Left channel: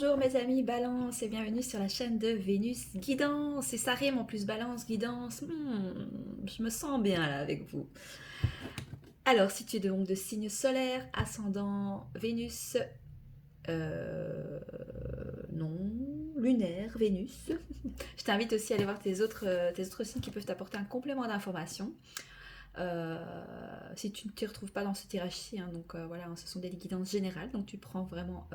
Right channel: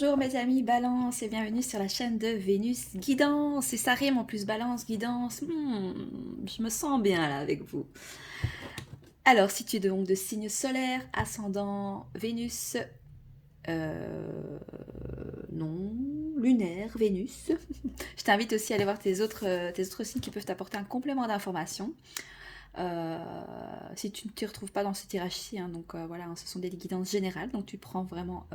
Bonjour mes amis Balance et bienvenue sur la chaîne de Vénus Guidance. Et ça rime en plus Balance, Guidance. Je me sens bien là avec vous. Alors si tu es donc de signe solaire, ascendant Vénus, euh, non, lunaire, Vénus. Je t'invite aussi à aller voir tes autres signes qui peuvent t'apporter un complément d'information. Si tu ne te retrouves pas dans ce tirage-ci, hein, donc voilà, ce sont des guidances générales, donc tu prends vraiment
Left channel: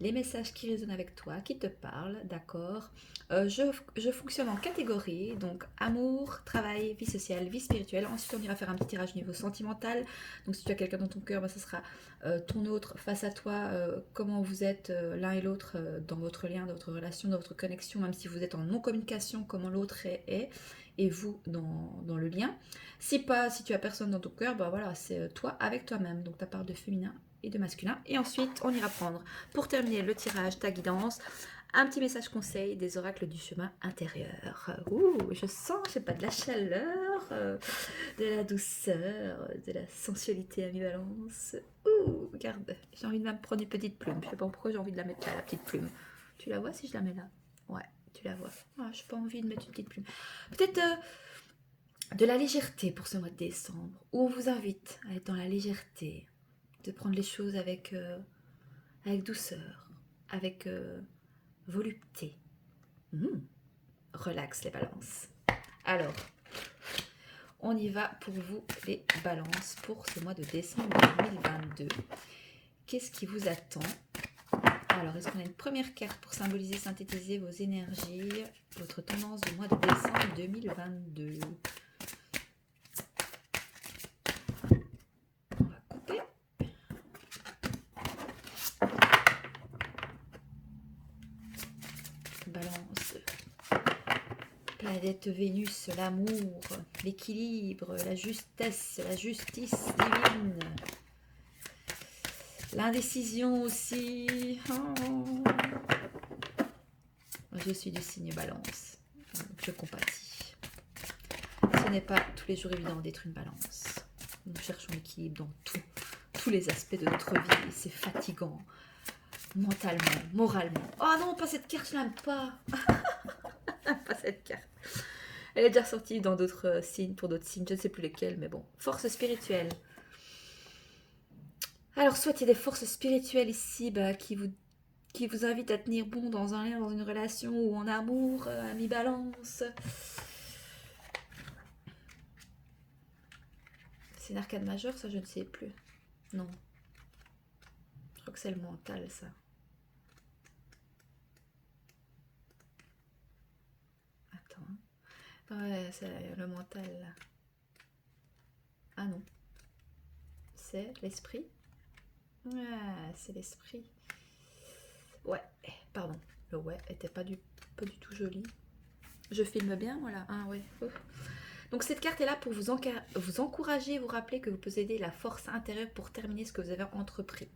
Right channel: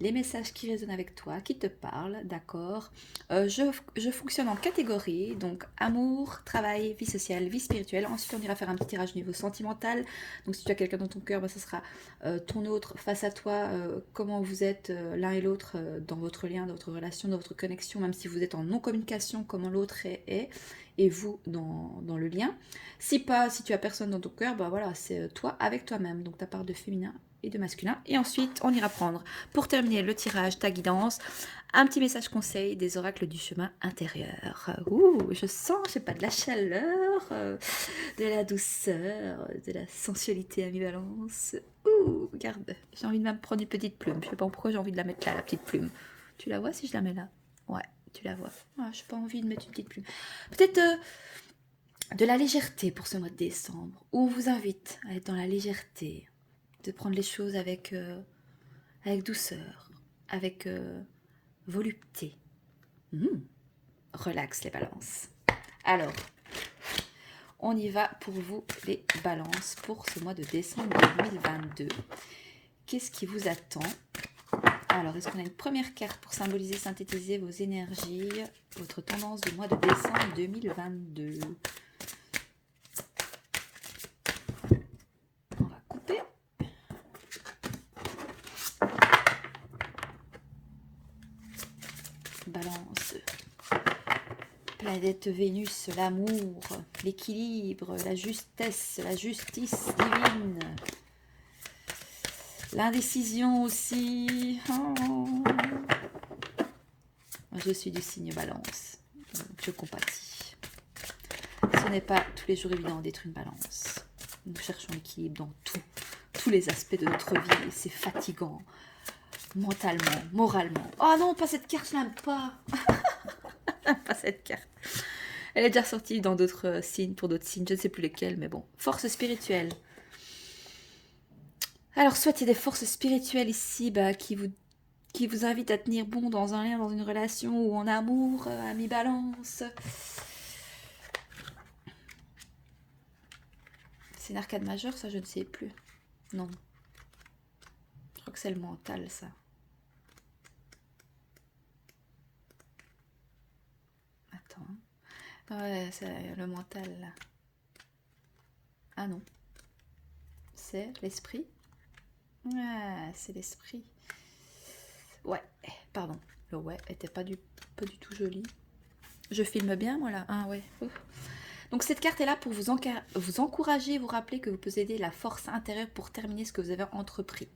les messages qui résonnent avec toi, qui te parlent, d'accord. Je fonctionne en catégorie, donc amour, travail, vie sociale, vie spirituelle. Ensuite, on ira faire un petit tirage au niveau sentimental. Donc si tu as quelqu'un dans ton cœur, ce sera ton autre face à toi, comment vous êtes l'un et l'autre dans votre lien, dans votre relation, dans votre connexion, même si vous êtes en non-communication, comment l'autre est, et vous dans le lien. Si pas, si tu as personne dans ton cœur, bah voilà, c'est toi avec toi-même, donc ta part de féminin et de masculin. Et ensuite, on ira prendre, pour terminer le tirage, ta guidance, un petit message conseil des oracles du chemin intérieur. Ouh, je sens, je sais pas, de la chaleur, de la douceur, de la sensualité à mi-balance. Ouh, regarde, j'ai envie de même prendre une petite plume. Je sais pas pourquoi j'ai envie de la mettre là, la petite plume. Tu la vois si je la mets là? Ouais, tu la vois. Ah, j'ai pas envie de mettre une petite plume. Peut-être de la légèreté pour ce mois de décembre, où on vous invite à être dans la légèreté, de prendre les choses avec douceur, avec volupté. Relax les balances. Alors, on y va pour vous les balances pour ce mois de décembre 2022. Qu'est-ce qui vous attend? Alors, est-ce qu'on a une première carte pour symboliser, synthétiser vos énergies, votre tendance du mois de décembre 2022? On va couper. Balance. Planète Vénus, l'amour, l'équilibre, la justesse, la justice divine. L'indécision aussi. Oh. Je suis du signe balance. Je compatis. Ce n'est pas tous les jours évident d'être une balance. Nous cherchons l'équilibre dans tous les aspects de notre vie. C'est fatigant. Mentalement, moralement. Oh non, pas cette carte, je l'aime pas. Pas cette carte. Elle est déjà sortie dans d'autres signes, pour d'autres signes, je ne sais plus lesquels, mais bon. Force spirituelle. Alors, soit il y a des forces spirituelles ici qui vous invitent à tenir bon dans un lien, dans une relation ou en amour, à mi-balance. C'est une arcade majeure, ça je ne sais plus. Non. Je crois que c'est le mental, ça. Attends. Ouais, c'est le mental, là. Ah non. C'est l'esprit. Ouais, c'est l'esprit. Ouais, pardon. Le ouais était pas du tout joli. Je filme bien, moi, là. Ah ouais. Donc cette carte est là pour vous encourager, vous rappeler que vous possédez la force intérieure pour terminer ce que vous avez entrepris.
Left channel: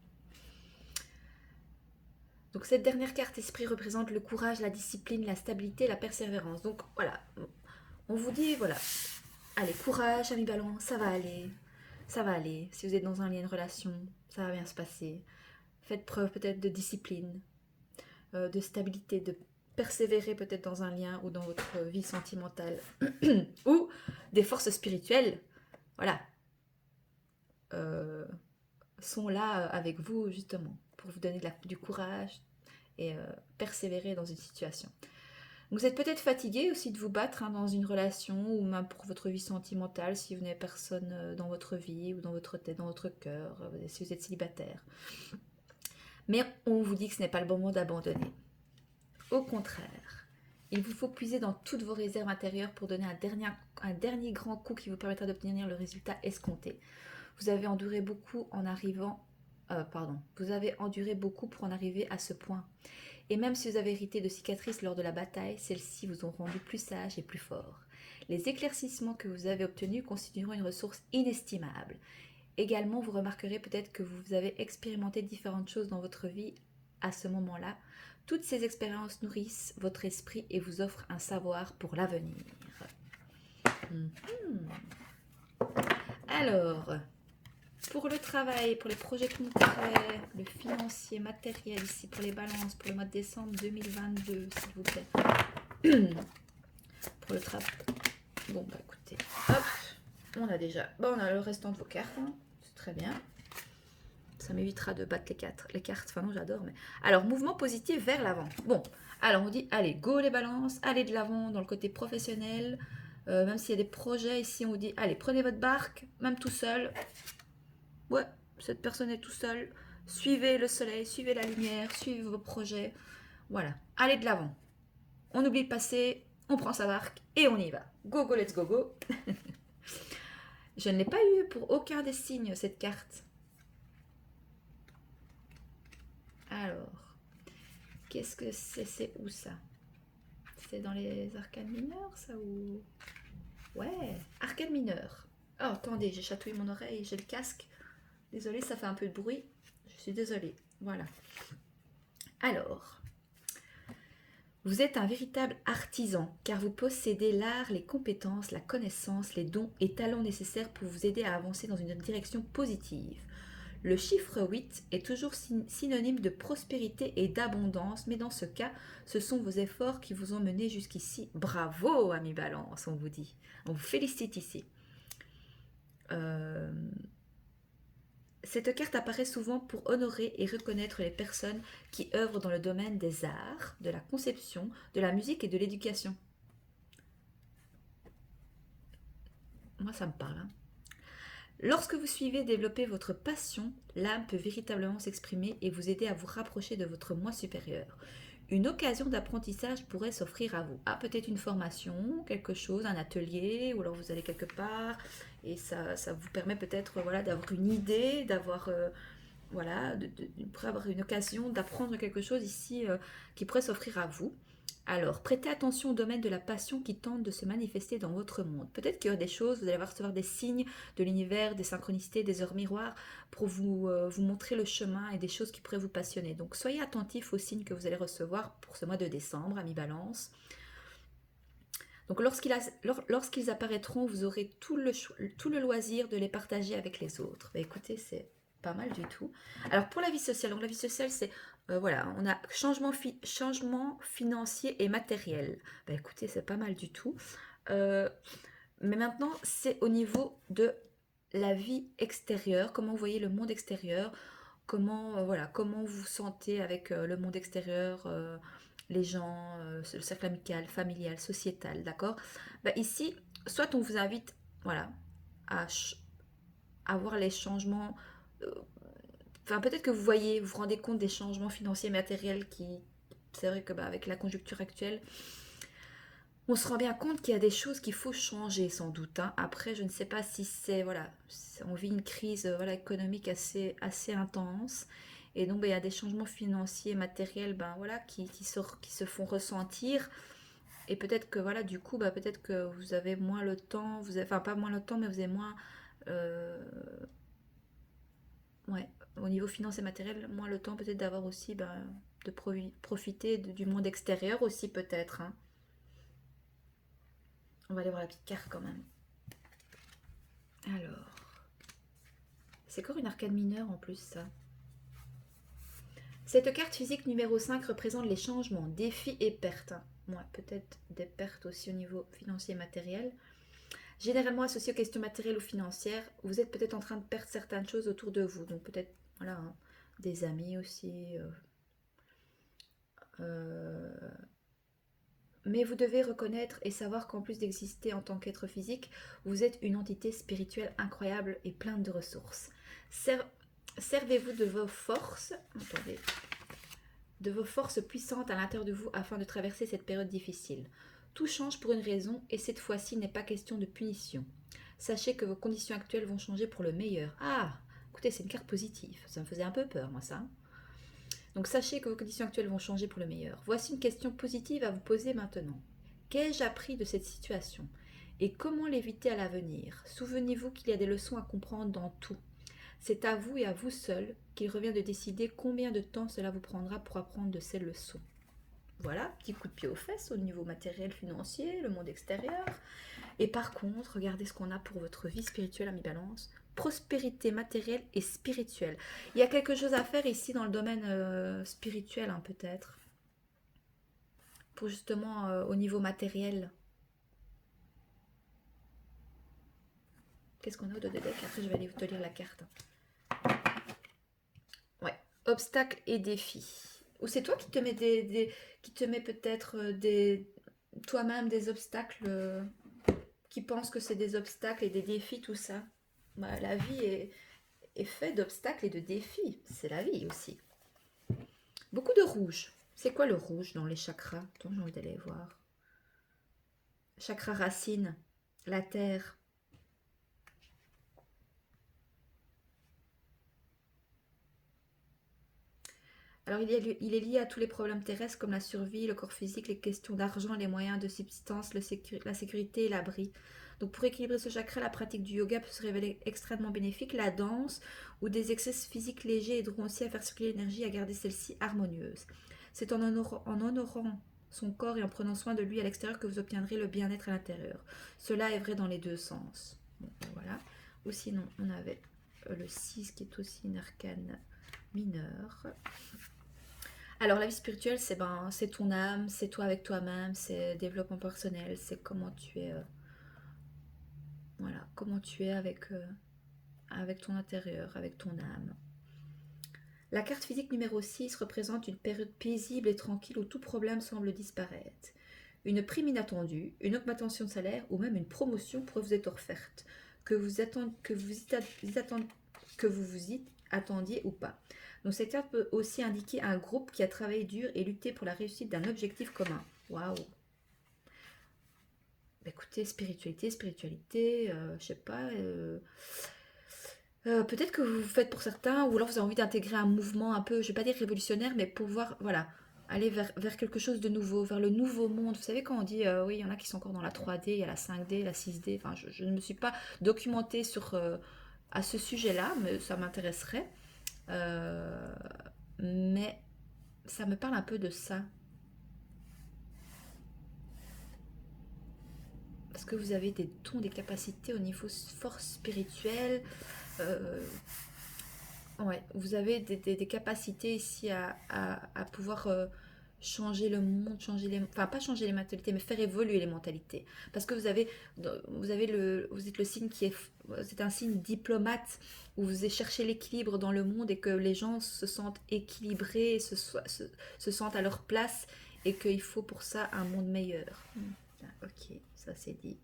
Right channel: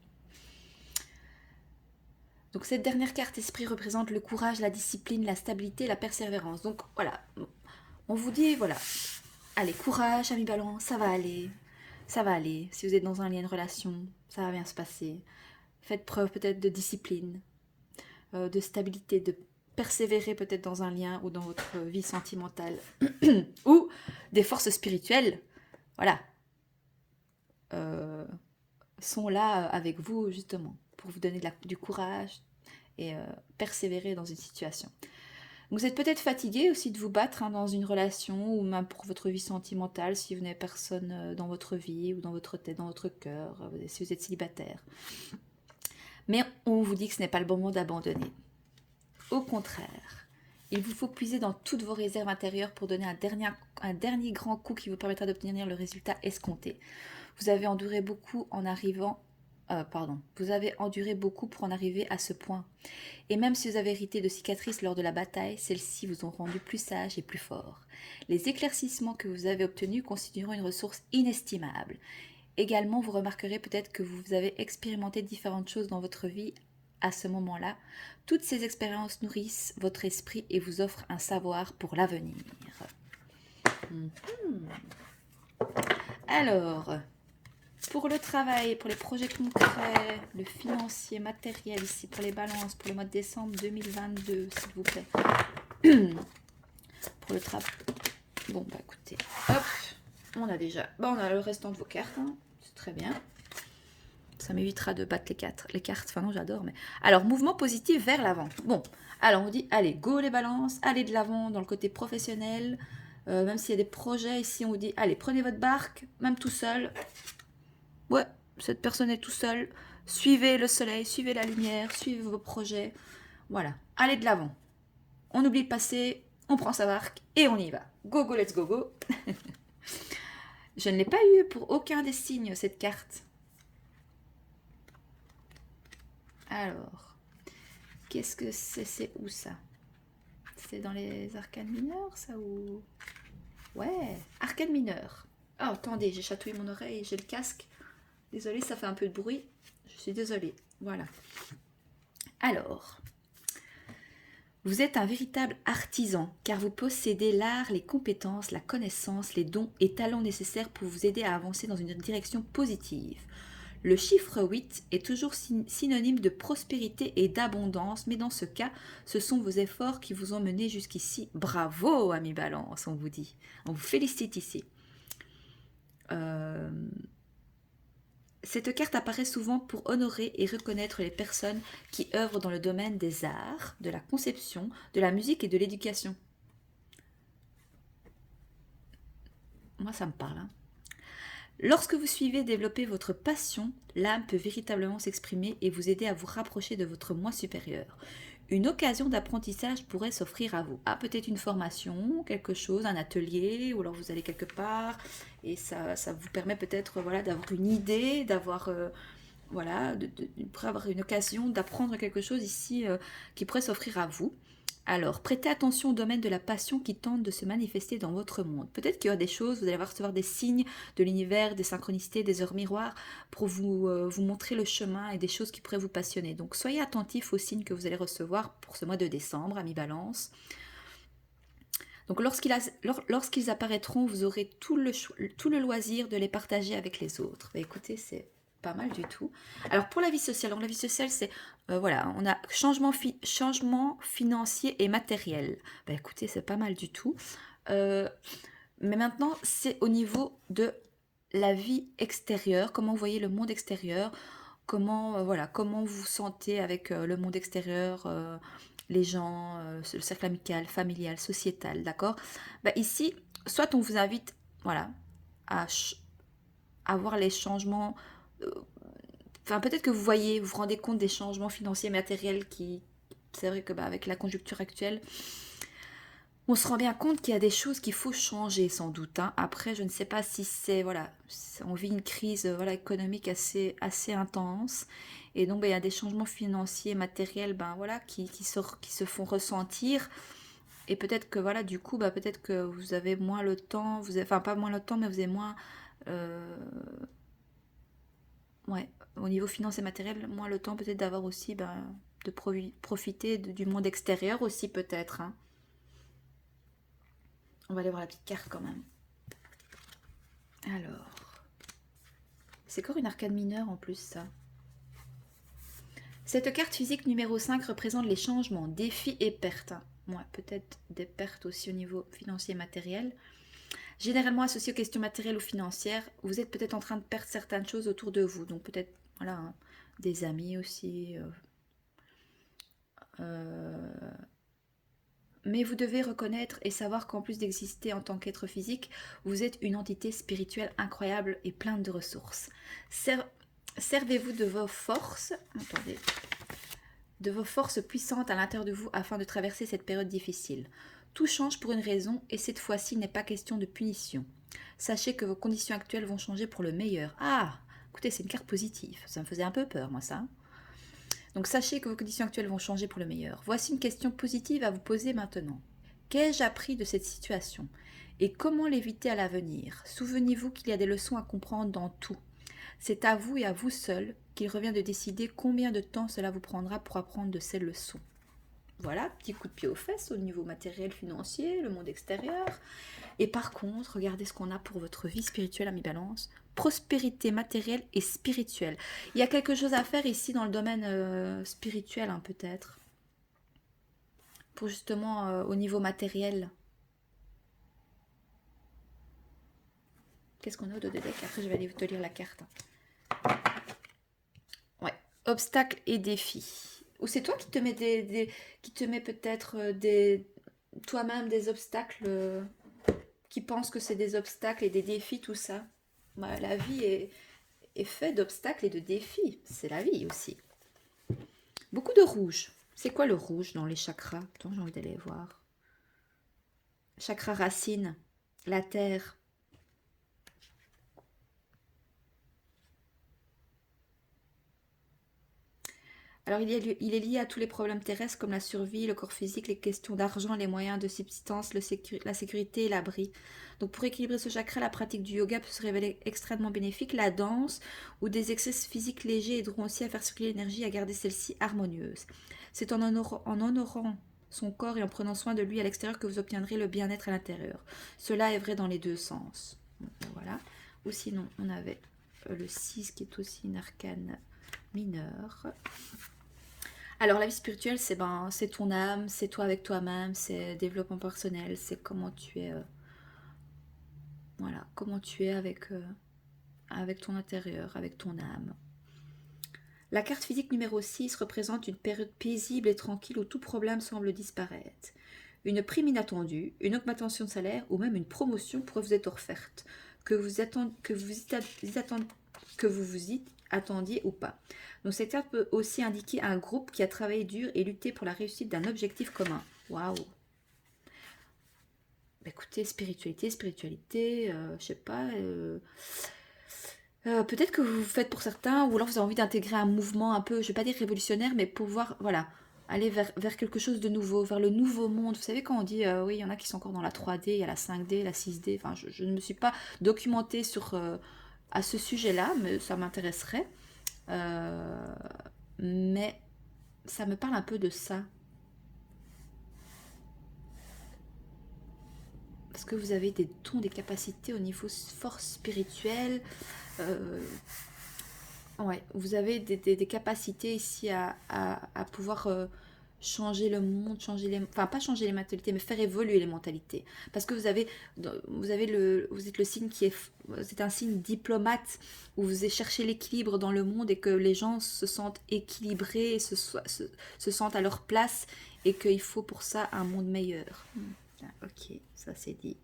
Donc cette dernière carte esprit représente le courage, la discipline, la stabilité, la persévérance. Donc voilà, on vous dit voilà, allez, courage, ami balance, ça va aller. Ça va aller. Si vous êtes dans un lien de relation, ça va bien se passer. Faites preuve peut-être de discipline, de stabilité, de persévérer peut-être dans un lien ou dans votre vie sentimentale. Ou des forces spirituelles, voilà, sont là avec vous justement pour vous donner du courage et persévérer dans une situation. Vous êtes peut-être fatigué aussi de vous battre dans une relation ou même pour votre vie sentimentale si vous n'avez personne dans votre vie ou dans votre tête, dans votre cœur, si vous êtes célibataire. Mais on vous dit que ce n'est pas le bon moment d'abandonner. Au contraire, il vous faut puiser dans toutes vos réserves intérieures pour donner un dernier grand coup qui vous permettra d'obtenir le résultat escompté. Vous avez enduré beaucoup en arrivant... Vous avez enduré beaucoup pour en arriver à ce point. Et même si vous avez hérité de cicatrices lors de la bataille, celles-ci vous ont rendu plus sage et plus fort. Les éclaircissements que vous avez obtenus constitueront une ressource inestimable. Également, vous remarquerez peut-être que vous avez expérimenté différentes choses dans votre vie à ce moment-là. Toutes ces expériences nourrissent votre esprit et vous offrent un savoir pour l'avenir. Alors, Pour le travail, pour les projets concrets, le financier, matériel, ici pour les balances, pour le mois de décembre 2022, s'il vous plaît. Pour le travail. Bon, bah écoutez, hop, on a déjà, bon, on a le restant de vos cartes, hein. C'est très bien. Ça m'évitera de battre les cartes, enfin non, j'adore. Mais alors, mouvement positif vers l'avant. Bon, alors on vous dit, allez, go les balances, allez de l'avant dans le côté professionnel. Même s'il y a des projets ici, on vous dit, allez, prenez votre barque, même tout seul. Ouais, cette personne est tout seule. Suivez le soleil, suivez la lumière, suivez vos projets. Voilà, allez de l'avant. On oublie le passé, on prend sa barque et on y va. Go, go, let's go, go. Je ne l'ai pas eu pour aucun des signes, cette carte. Alors, qu'est-ce que c'est? C'est où ça? C'est dans les arcanes mineures, ça ou... Ouais, arcane mineure. Oh, attendez, j'ai chatouillé mon oreille, j'ai le casque. Désolée, ça fait un peu de bruit. Je suis désolée. Voilà. Alors, vous êtes un véritable artisan, car vous possédez l'art, les compétences, la connaissance, les dons et talents nécessaires pour vous aider à avancer dans une direction positive. Le chiffre 8 est toujours synonyme de prospérité et d'abondance, mais dans ce cas, ce sont vos efforts qui vous ont mené jusqu'ici. Bravo, ami Balance, on vous dit. On vous félicite ici. Cette carte apparaît souvent pour honorer et reconnaître les personnes qui œuvrent dans le domaine des arts, de la conception, de la musique et de l'éducation. Moi, ça me parle, hein. Lorsque vous suivez et développez votre passion, l'âme peut véritablement s'exprimer et vous aider à vous rapprocher de votre moi supérieur. Une occasion d'apprentissage pourrait s'offrir à vous. Ah, peut-être une formation, quelque chose, un atelier, ou alors vous allez quelque part, et ça vous permet peut-être voilà, d'avoir une idée, d'avoir voilà, avoir une occasion d'apprendre quelque chose ici qui pourrait s'offrir à vous. Alors, prêtez attention au domaine de la passion qui tente de se manifester dans votre monde. Peut-être qu'il y a des choses, vous allez recevoir des signes de l'univers, des synchronicités, des heures miroirs pour vous montrer le chemin et des choses qui pourraient vous passionner. Donc, soyez attentifs aux signes que vous allez recevoir pour ce mois de décembre, ami Balance. Donc, lorsqu'ils apparaîtront, vous aurez tout le loisir de les partager avec les autres. Bah, écoutez, c'est pas mal du tout. Alors, pour la vie sociale, donc la vie sociale, c'est voilà, on a changement financier et matériel. Bah, écoutez, c'est pas mal du tout. Mais maintenant, c'est au niveau de la vie extérieure, comment vous voyez le monde extérieur, comment, voilà, comment vous vous sentez avec le monde extérieur, les gens, le cercle amical, familial, sociétal, d'accord? Bah, ici, soit on vous invite, voilà, à voir les changements. euh, Enfin, peut-être que vous vous rendez compte des changements financiers, matériels qui, c'est vrai que bah, avec la conjoncture actuelle, on se rend bien compte qu'il y a des choses qu'il faut changer sans doute, hein. Après, je ne sais pas si c'est, voilà, on vit une crise voilà, économique assez intense. Et donc, ben, il y a des changements financiers, matériels ben, voilà, qui se font ressentir. Et peut-être que, voilà, du coup, ben, peut-être que vous avez moins le temps, enfin, pas moins le temps, mais vous avez moins, euh, ouais, au niveau financier et matériel, moins le temps peut-être d'avoir aussi, ben, de profiter du monde extérieur aussi, peut-être, hein. On va aller voir la petite carte quand même. Alors, c'est encore une arcane mineure en plus, ça. Cette carte physique numéro 5 représente les changements, défis et pertes. Ouais, peut-être des pertes aussi au niveau financier et matériel. Généralement associées aux questions matérielles ou financières, vous êtes peut-être en train de perdre certaines choses autour de vous. Donc peut-être voilà, hein, des amis aussi. Mais vous devez reconnaître et savoir qu'en plus d'exister en tant qu'être physique, vous êtes une entité spirituelle incroyable et pleine de ressources. Servez-vous de vos forces. Attendez. De vos forces puissantes à l'intérieur de vous afin de traverser cette période difficile. Tout change pour une raison et cette fois-ci il n'est pas question de punition. Sachez que vos conditions actuelles vont changer pour le meilleur. Ah, écoutez, c'est une carte positive. Ça me faisait un peu peur, moi, ça. Donc sachez que vos conditions actuelles vont changer pour le meilleur. Voici une question positive à vous poser maintenant. Qu'ai-je appris de cette situation? Et comment l'éviter à l'avenir? Souvenez-vous qu'il y a des leçons à comprendre dans tout. C'est à vous et à vous seul qu'il revient de décider combien de temps cela vous prendra pour apprendre de ces leçons. Voilà, petit coup de pied aux fesses au niveau matériel, financier, le monde extérieur. Et par contre, regardez ce qu'on a pour votre vie spirituelle, ami Balance. prospérité matérielle et spirituelle. Il y a quelque chose à faire ici dans le domaine spirituel, hein, peut-être, pour justement au niveau matériel. Qu'est-ce qu'on a au dos de deck? Après, je vais aller te lire la carte. Ouais, obstacles et défis. Ou c'est toi qui te mets qui te mets peut-être toi-même des obstacles, qui pensent que c'est des obstacles et des défis, tout ça. Ouais, la vie est faite d'obstacles et de défis. C'est la vie aussi. Beaucoup de rouge. C'est quoi le rouge dans les chakras? Attends, j'ai envie d'aller voir. Chakra racine, la terre. Alors, il est lié à tous les problèmes terrestres comme la survie, le corps physique, les questions d'argent, les moyens de subsistance, la sécurité et l'abri. Donc, pour équilibrer ce chakra, la pratique du yoga peut se révéler extrêmement bénéfique. La danse ou des exercices physiques légers aideront aussi à faire circuler l'énergie et à garder celle-ci harmonieuse. C'est en honorant son corps et en prenant soin de lui à l'extérieur que vous obtiendrez le bien-être à l'intérieur. Cela est vrai dans les deux sens. Donc, voilà. Ou sinon, on avait le 6 qui est aussi une arcane mineure. Alors la vie spirituelle, c'est ton âme, c'est toi avec toi-même, c'est développement personnel, c'est comment tu es, voilà, comment tu es avec ton intérieur, avec ton âme. La carte physique numéro 6 représente une période paisible et tranquille où tout problème semble disparaître. Une prime inattendue, une augmentation de salaire ou même une promotion pourrait vous être offerte, que vous y attendiez ou pas. Donc cette carte peut aussi indiquer un groupe qui a travaillé dur et lutté pour la réussite d'un objectif commun. Waouh! Écoutez, spiritualité, je sais pas. Peut-être que vous faites pour certains, ou alors vous avez envie d'intégrer un mouvement un peu, je vais pas dire révolutionnaire, mais pouvoir, voilà, aller vers quelque chose de nouveau, vers le nouveau monde. Vous savez, quand on dit, oui, il y en a qui sont encore dans la 3D, il y a la 5D, la 6D, enfin, je ne me suis pas documentée à ce sujet-là, mais ça m'intéresserait. Euh, mais ça me parle un peu de ça. Parce que vous avez des dons, des capacités au niveau force spirituelle. Euh, ouais, vous avez des capacités ici à pouvoir changer le monde, enfin pas changer les mentalités, mais faire évoluer les mentalités. Parce que vous êtes le signe c'est un signe diplomate où vous cherchez l'équilibre dans le monde et que les gens se sentent équilibrés, se sentent à leur place et qu'il faut pour ça un monde meilleur. Ok, ça c'est dit.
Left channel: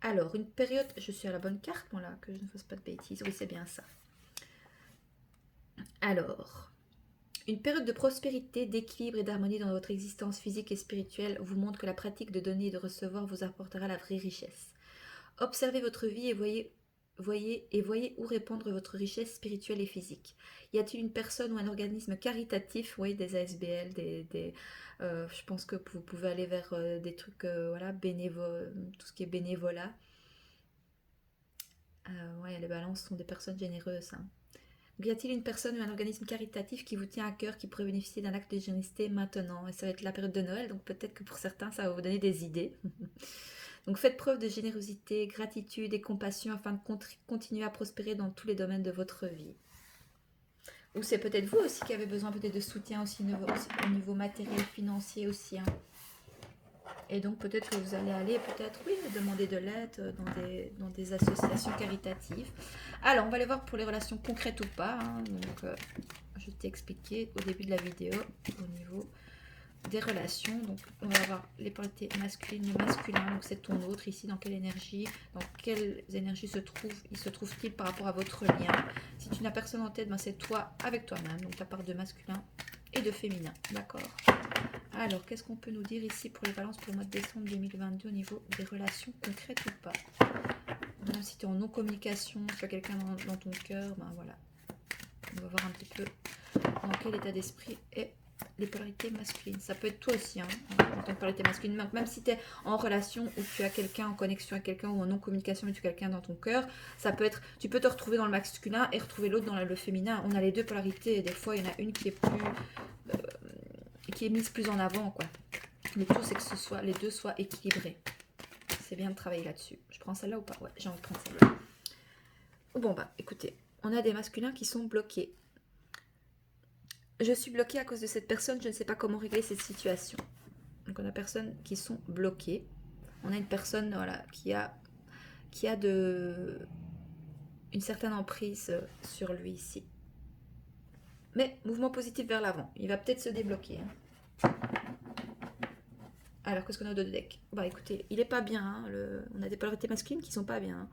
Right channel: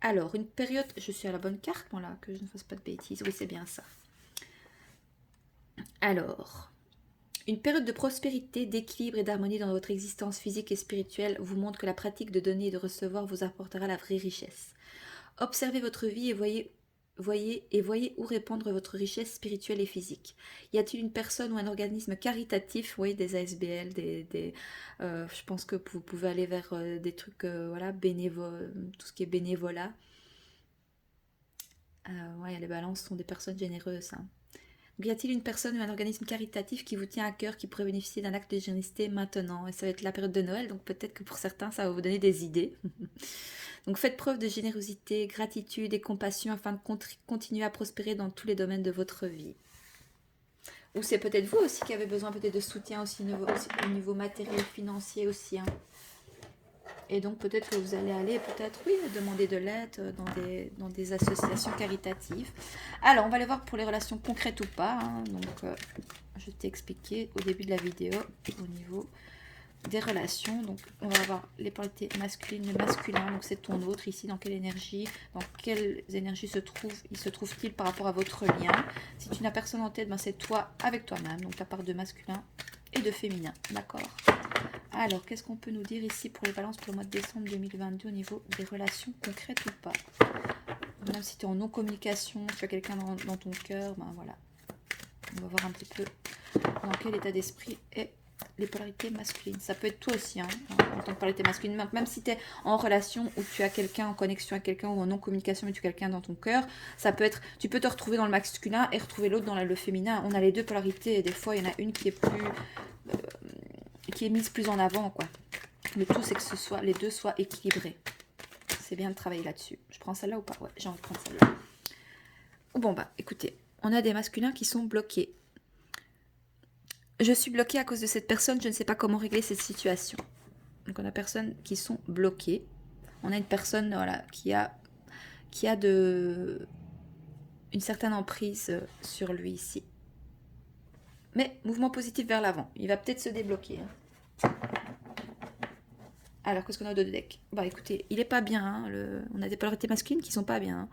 Alors, une période, je suis à la bonne carte, moi là, que je ne fasse pas de bêtises. Oui, c'est bien ça. Alors, une période de prospérité, d'équilibre et d'harmonie dans votre existence physique et spirituelle vous montre que la pratique de donner et de recevoir vous apportera la vraie richesse. Observez votre vie et voyez où répandre votre richesse spirituelle et physique. Y a-t-il une personne ou un organisme caritatif, oui, des ASBL, je pense que vous pouvez aller vers des trucs, voilà, tout ce qui est bénévolat. Ouais, les balances sont des personnes généreuses. Hein. Donc, y a-t-il une personne ou un organisme caritatif qui vous tient à cœur, qui pourrait bénéficier d'un acte de générosité maintenant? Et ça va être la période de Noël, donc peut-être que pour certains, ça va vous donner des idées. Donc faites preuve de générosité, gratitude et compassion afin de continuer à prospérer dans tous les domaines de votre vie. Ou c'est peut-être vous aussi qui avez besoin peut-être de soutien aussi au niveau matériel, financier aussi. Hein. Et donc peut-être que vous allez aller oui, demander de l'aide dans des associations caritatives. Alors on va aller voir pour les relations concrètes ou pas. Hein. Donc je t'ai expliqué au début de la vidéo au niveau des relations. Donc on va voir les polarités masculines, le masculin, donc c'est ton autre ici, dans quelle énergie se trouve-t-il par rapport à votre lien. Si tu n'as personne en tête, ben c'est toi avec toi-même, donc ta part de masculin et de féminin, d'accord. Alors qu'est-ce qu'on peut nous dire ici pour les balances pour le mois de décembre 2022 au niveau des relations concrètes ou pas. Même si tu es en non-communication, tu as quelqu'un dans ton cœur, ben voilà, on va voir un petit peu dans quel état d'esprit est les polarités masculines. Ça peut être toi aussi, hein, en tant que polarité masculine. Même si tu es en relation ou tu as quelqu'un en connexion avec quelqu'un ou en non-communication mais tu as quelqu'un dans ton cœur, ça peut être, tu peux te retrouver dans le masculin et retrouver l'autre dans le féminin. On a les deux polarités et des fois il y en a une qui est qui est mise plus en avant, quoi. Le tout c'est que les deux soient équilibrés. c'est bien de travailler là-dessus. Je prends celle-là ou pas? Ouais, j'ai envie de prendre celle-là. Bon, bah, écoutez, on a des masculins qui sont bloqués. Je suis bloquée à cause de cette personne, je ne sais pas comment régler cette situation. Donc, on a personnes qui sont bloquées. On a une personne, voilà, qui a une certaine emprise sur lui ici. Mais mouvement positif vers l'avant. Il va peut-être se débloquer. Hein. Alors, qu'est-ce qu'on a de deck? Bah écoutez, il est pas bien. Hein, on a des polarités masculines qui sont pas bien. Hein.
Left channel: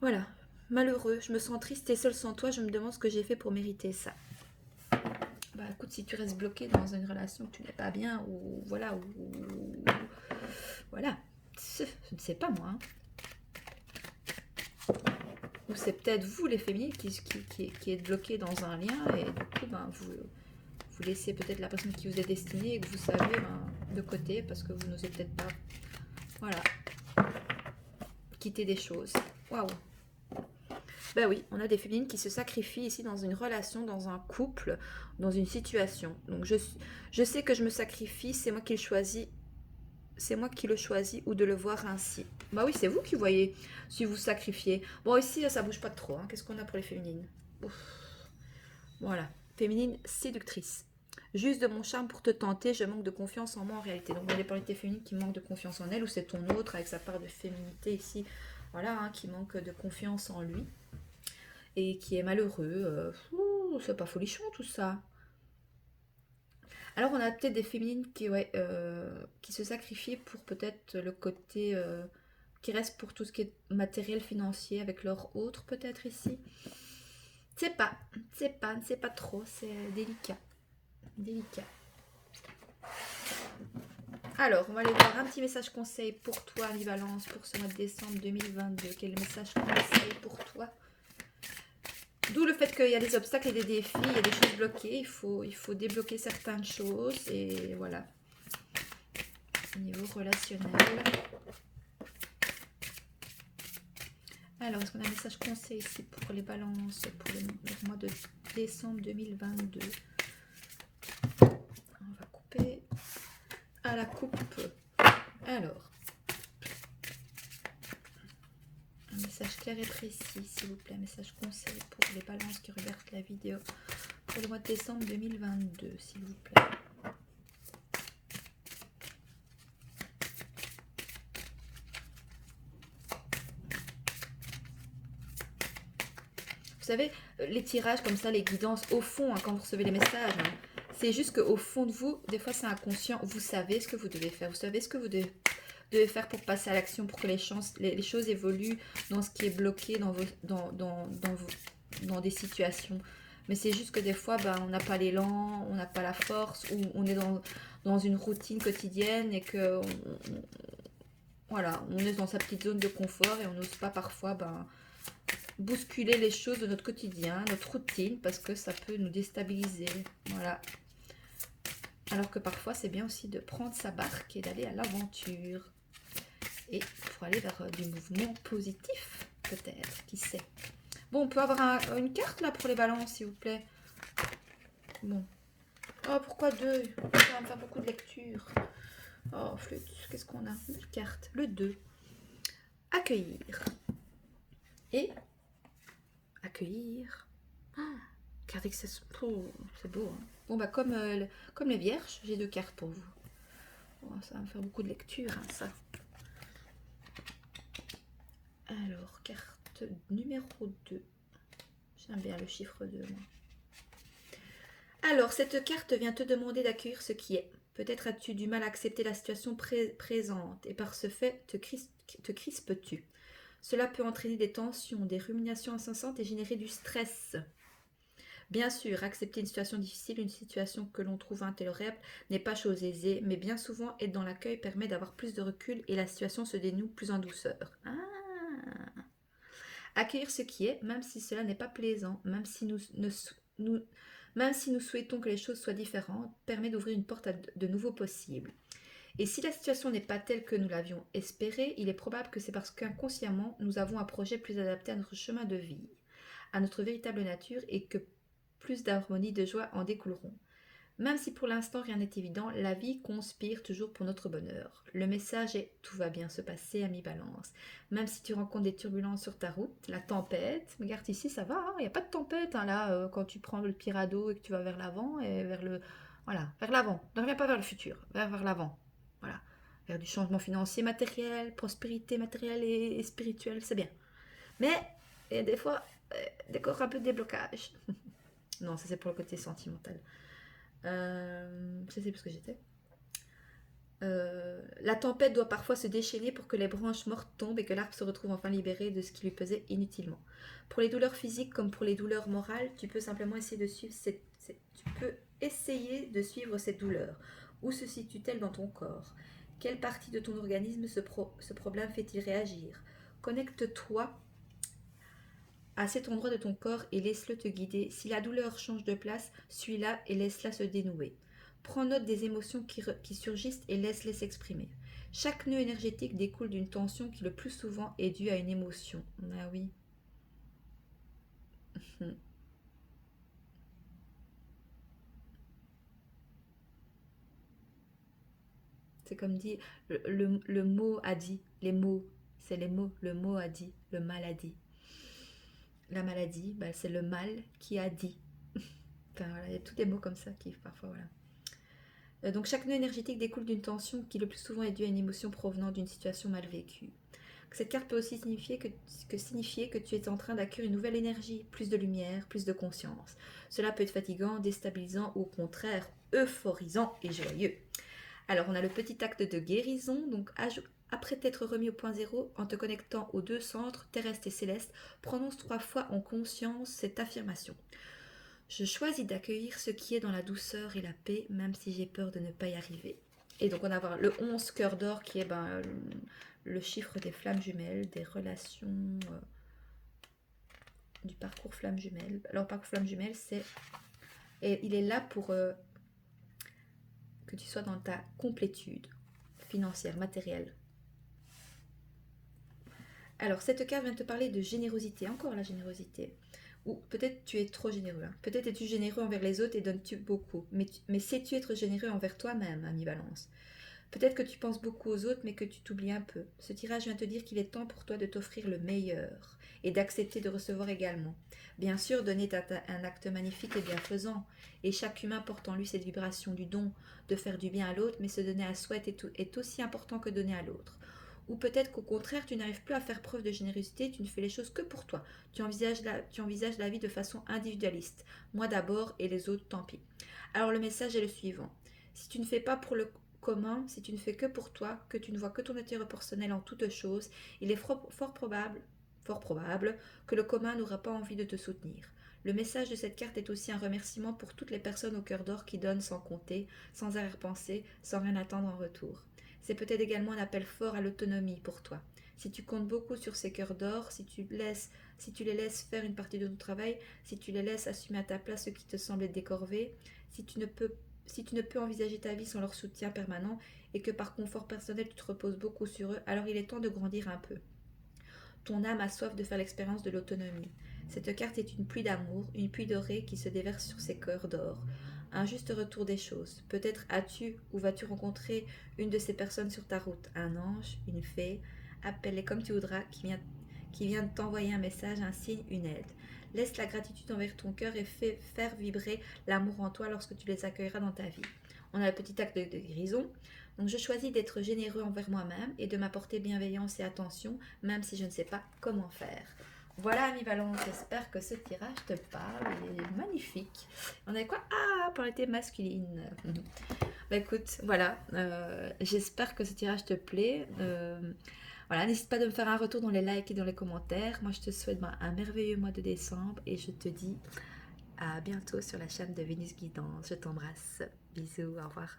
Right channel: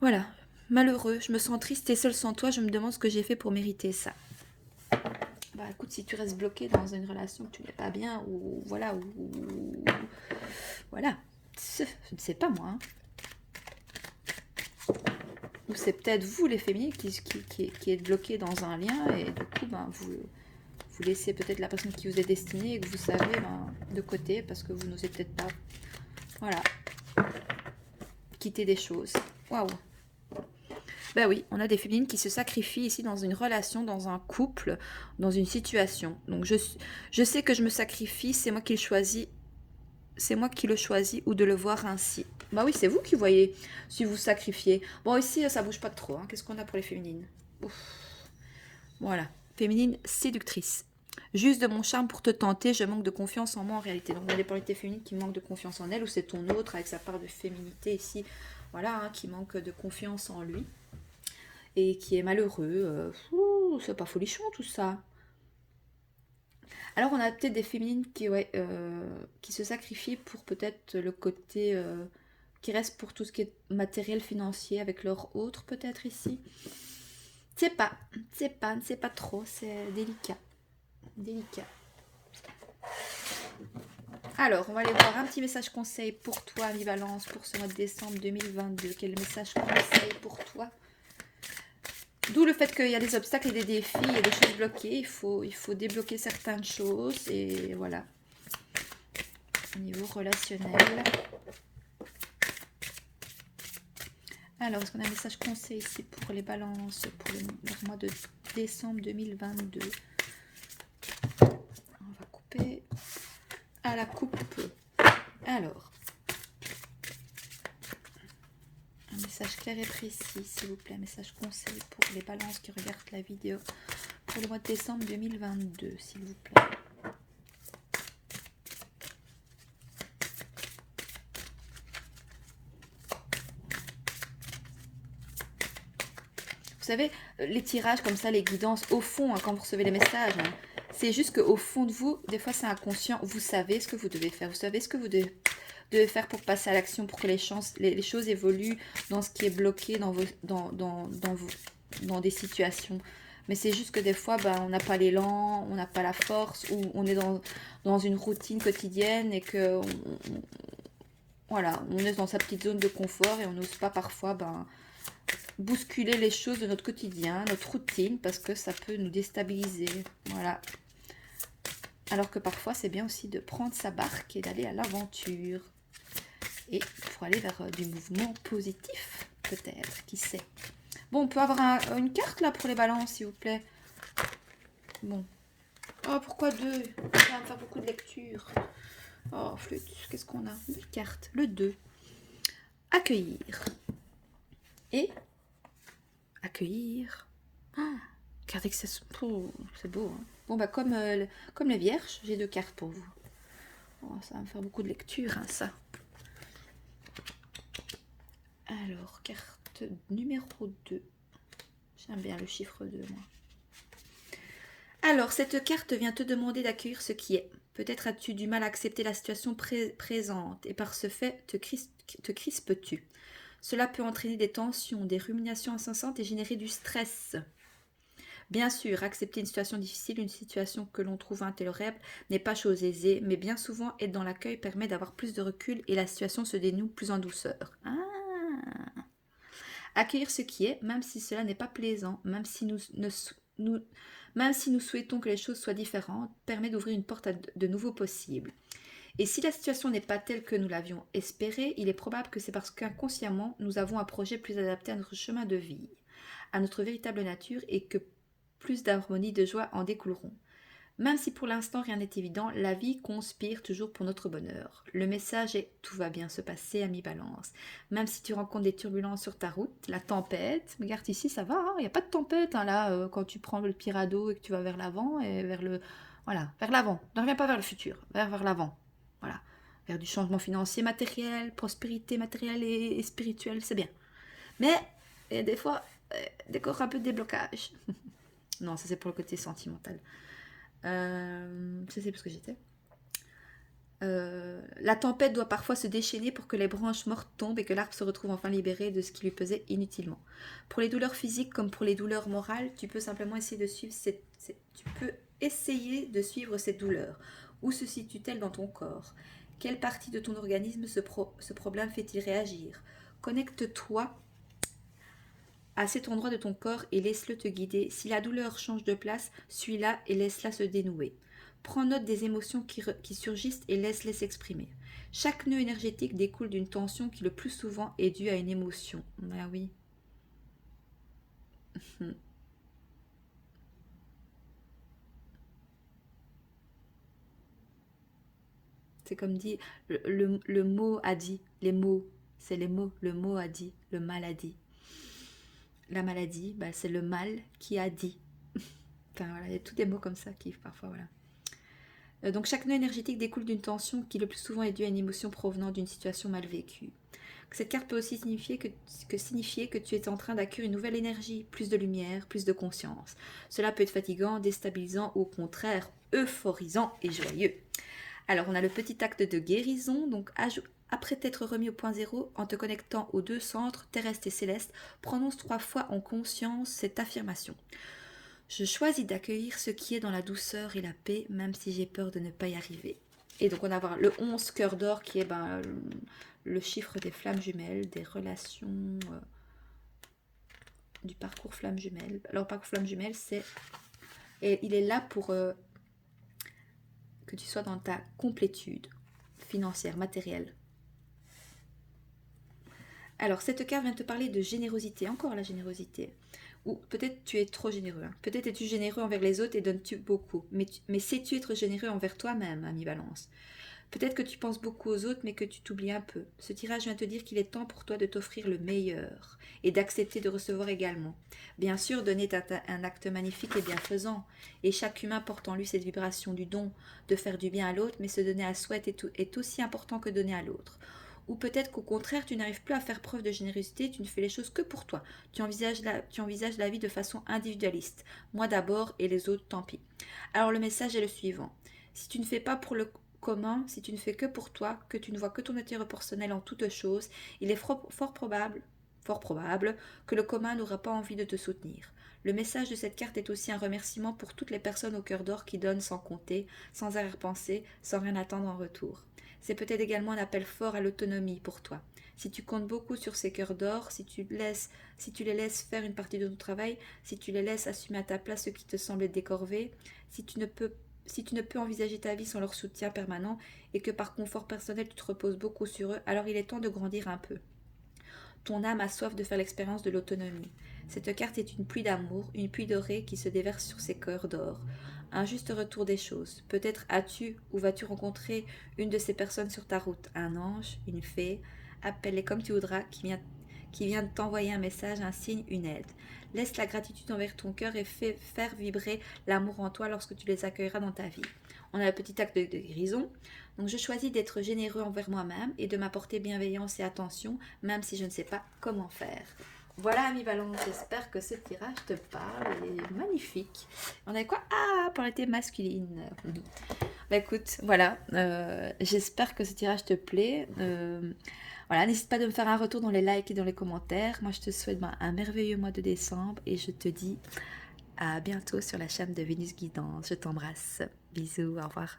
Voilà. Malheureux, je me sens triste et seule sans toi. Je me demande ce que j'ai fait pour mériter ça. Bah écoute, si tu restes bloqué dans une relation que tu n'es pas bien, ou voilà, voilà. Je ne sais pas moi. Hein. Ou c'est peut-être vous les féminines qui êtes bloqués dans un lien et du coup ben, vous laissez peut-être la personne qui vous est destinée et que vous savez de côté parce que vous n'osez peut-être pas, voilà, quitter des choses. Waouh. Ben oui, on a des féminines qui se sacrifient ici dans une relation, dans un couple, dans une situation. Donc je sais que je me sacrifie, c'est moi qui le choisis. C'est moi qui le choisis ou de le voir ainsi. Bah oui, c'est vous qui voyez si vous sacrifiez. Bon, ici, ça bouge pas trop. Hein. Qu'est-ce qu'on a pour les féminines? Ouf. Voilà. Féminine séductrice. Juste de mon charme pour te tenter, je manque de confiance en moi en réalité. Donc, on a des polarités féminines qui manquent de confiance en elle, ou c'est ton autre avec sa part de féminité ici, voilà, hein, qui manque de confiance en lui et qui est malheureux. C'est pas folichon tout ça. Alors, on a peut-être des féminines qui se sacrifient pour peut-être le côté qui reste pour tout ce qui est matériel, financier avec leur autre, peut-être ici. C'est pas trop, c'est délicat. Délicat. Alors, on va aller voir un petit message conseil pour toi, Valence, pour ce mois de décembre 2022. Quel message conseil pour toi? D'où le fait qu'il y a des obstacles et des défis, il y a des choses bloquées. Il faut débloquer certaines choses. Et voilà. Au niveau relationnel. Alors, est-ce qu'on a un message conseil ici pour les balances pour le mois de décembre 2022? On va couper à la coupe. Alors, un message clair et précis, s'il vous plaît. Un message conseil pour les balances qui regardent la vidéo pour le mois de décembre 2022, s'il vous plaît. Vous savez, les tirages comme ça, les guidances, au fond, hein, quand vous recevez les messages, hein, c'est juste qu'au fond de vous, des fois c'est inconscient, vous savez ce que vous devez faire, vous savez ce que vous devez faire pour passer à l'action, pour que les choses évoluent dans ce qui est bloqué dans des situations. Mais c'est juste que des fois, on n'a pas l'élan, on n'a pas la force, ou on est dans une routine quotidienne et que voilà, on est dans sa petite zone de confort et on n'ose pas parfois bousculer les choses de notre quotidien, notre routine, parce que ça peut nous déstabiliser. Voilà. Alors que parfois, c'est bien aussi de prendre sa barque et d'aller à l'aventure. Et pour aller vers du mouvement positif, peut-être, qui sait. Bon, on peut avoir une carte là pour les balances, s'il vous plaît. Bon. Oh, pourquoi deux? Ça va me faire beaucoup de lecture. Oh, flûte, qu'est-ce qu'on a? Une carte, le 2. Accueillir. Et accueillir. Ah, carte c'est beau. Hein. Bon, comme les vierges, j'ai 2 cartes pour vous. Oh, ça va me faire beaucoup de lecture, hein, ça. Alors, carte numéro 2. J'aime bien le chiffre 2, moi. Alors, cette carte vient te demander d'accueillir ce qui est. Peut-être as-tu du mal à accepter la situation présente et par ce fait, te crispes-tu. Cela peut entraîner des tensions, des ruminations incessantes et générer du stress. Bien sûr, accepter une situation difficile, une situation que l'on trouve intolérable, n'est pas chose aisée, mais bien souvent, être dans l'accueil permet d'avoir plus de recul et la situation se dénoue plus en douceur. Ah. Accueillir ce qui est, même si cela n'est pas plaisant, même si nous souhaitons que les choses soient différentes, permet d'ouvrir une porte à de nouveaux possibles. Et si la situation n'est pas telle que nous l'avions espérée, il est probable que c'est parce qu'inconsciemment, nous avons un projet plus adapté à notre chemin de vie, à notre véritable nature et que plus d'harmonie, de joie en découleront. Même si pour l'instant rien n'est évident, la vie conspire toujours pour notre bonheur. Le message est tout va bien se passer, ami Balance. Même si tu rencontres des turbulences sur ta route, la tempête, regarde ici, ça va, il n'y a pas de tempête hein, là, quand tu prends le petit radeau et que tu vas vers l'avant et vers le. Voilà, vers l'avant. Ne reviens pas vers le futur, vers l'avant. Voilà. Vers du changement financier, matériel, prospérité matérielle et spirituelle, c'est bien. Mais il y a des fois, décore un peu de déblocage. Non, ça c'est pour le côté sentimental. Je sais plus ce que j'étais. La tempête doit parfois se déchaîner pour que les branches mortes tombent et que l'arbre se retrouve enfin libéré de ce qui lui pesait inutilement. Pour les douleurs physiques comme pour les douleurs morales, tu peux simplement essayer de suivre cette douleur. Où se situe-t-elle dans ton corps? Quelle partie de ton organisme ce problème fait-il réagir? Connecte-toi à cet endroit de ton corps et laisse-le te guider. Si la douleur change de place, suis-la et laisse-la se dénouer. Prends note des émotions qui surgissent et laisse-les s'exprimer. Chaque nœud énergétique découle d'une tension qui le plus souvent est due à une émotion. Ah oui. C'est comme dit, le mot a dit, les mots, c'est les mots, le mot a dit, le mal a dit. La maladie, bah, c'est le mal qui a dit. Enfin, voilà, il y a tous des mots comme ça qui parfois, voilà. Donc chaque nœud énergétique découle d'une tension qui le plus souvent est due à une émotion provenant d'une situation mal vécue. Cette carte peut aussi signifier que tu es en train d'acquérir une nouvelle énergie, plus de lumière, plus de conscience. Cela peut être fatigant, déstabilisant ou au contraire euphorisant et joyeux. Alors on a le petit acte de guérison, donc après t'être remis au point zéro, en te connectant aux deux centres, terrestre et céleste, prononce 3 fois en conscience cette affirmation. Je choisis d'accueillir ce qui est dans la douceur et la paix, même si j'ai peur de ne pas y arriver. Et donc on va avoir le 11 cœur d'or qui est le chiffre des flammes jumelles, des relations, du parcours flammes jumelles. Alors parcours flammes jumelles, il est là pour que tu sois dans ta complétude financière, matérielle. Alors cette carte vient te parler de générosité, encore la générosité. Ou peut-être tu es trop généreux. Hein. Peut-être es-tu généreux envers les autres et donnes-tu beaucoup. Mais sais-tu être généreux envers toi-même, ami Balance? Peut-être que tu penses beaucoup aux autres, mais que tu t'oublies un peu. Ce tirage vient te dire qu'il est temps pour toi de t'offrir le meilleur et d'accepter de recevoir également. Bien sûr, donner est un acte magnifique et bienfaisant, et chaque humain porte en lui cette vibration du don, de faire du bien à l'autre, mais se donner à soi est aussi important que donner à l'autre. Ou peut-être qu'au contraire, tu n'arrives plus à faire preuve de générosité, tu ne fais les choses que pour toi. Tu envisages la vie de façon individualiste. Moi d'abord et les autres, tant pis. Alors le message est le suivant. Si tu ne fais pas pour le commun, si tu ne fais que pour toi, que tu ne vois que ton intérêt personnel en toutes choses, il est fort probable que le commun n'aura pas envie de te soutenir. Le message de cette carte est aussi un remerciement pour toutes les personnes au cœur d'or qui donnent sans compter, sans arrière-pensée, sans rien attendre en retour. C'est peut-être également un appel fort à l'autonomie pour toi. Si tu comptes beaucoup sur ces cœurs d'or, si tu les laisses faire une partie de ton travail, si tu les laisses assumer à ta place ce qui te semble décorvé, si tu ne peux envisager ta vie sans leur soutien permanent et que par confort personnel tu te reposes beaucoup sur eux, alors il est temps de grandir un peu. Ton âme a soif de faire l'expérience de l'autonomie. Cette carte est une pluie d'amour, une pluie dorée qui se déverse sur ces cœurs d'or. Un juste retour des choses. Peut-être as-tu ou vas-tu rencontrer une de ces personnes sur ta route, un ange, une fée, appelle-les comme tu voudras, qui vient de t'envoyer un message, un signe, une aide. Laisse la gratitude envers ton cœur et fais faire vibrer l'amour en toi lorsque tu les accueilleras dans ta vie. On a le petit acte de guérison. Donc je choisis d'être généreux envers moi-même et de m'apporter bienveillance et attention, même si je ne sais pas comment faire. Voilà, ami Valence, j'espère que ce tirage te parle. Il est magnifique. On a quoi? Ah, polarité masculine. Bah écoute, voilà. J'espère que ce tirage te plaît. Voilà, n'hésite pas de me faire un retour dans les likes et dans les commentaires. Moi, je te souhaite un merveilleux mois de décembre et je te dis à bientôt sur la chaîne de Vénus Guidance. Je t'embrasse. Bisous, au revoir.